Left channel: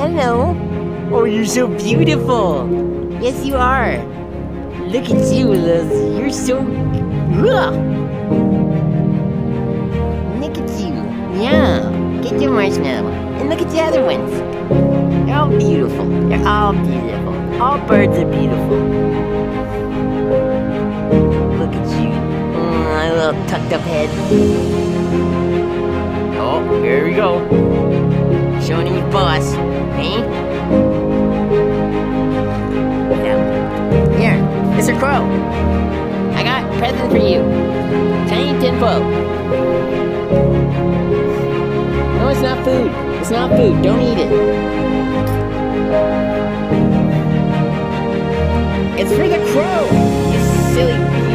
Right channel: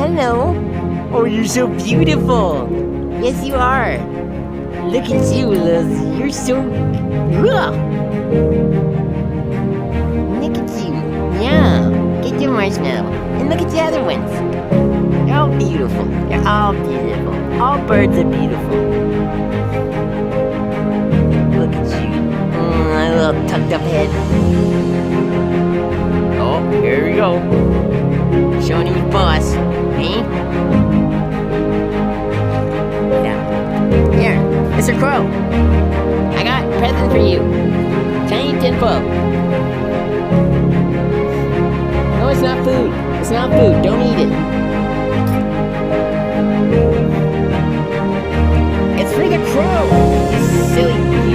Hello. Oh, you're so beautiful. Yes, you are. Look at you, Lizzie. You're so... Ugh. Look at you. Yeah. Get your marshmallow. And look at the other ones. They're all beautiful. They're all beautiful. All birds are beautiful. Look at you. My little tucked up head. Oh, here we go. Showing who's boss. Me? Here, Mr. Crow. I got a present for you. Tiny tinfoil. No, it's not food. It's not food. Don't eat it. It's for the crow, you silly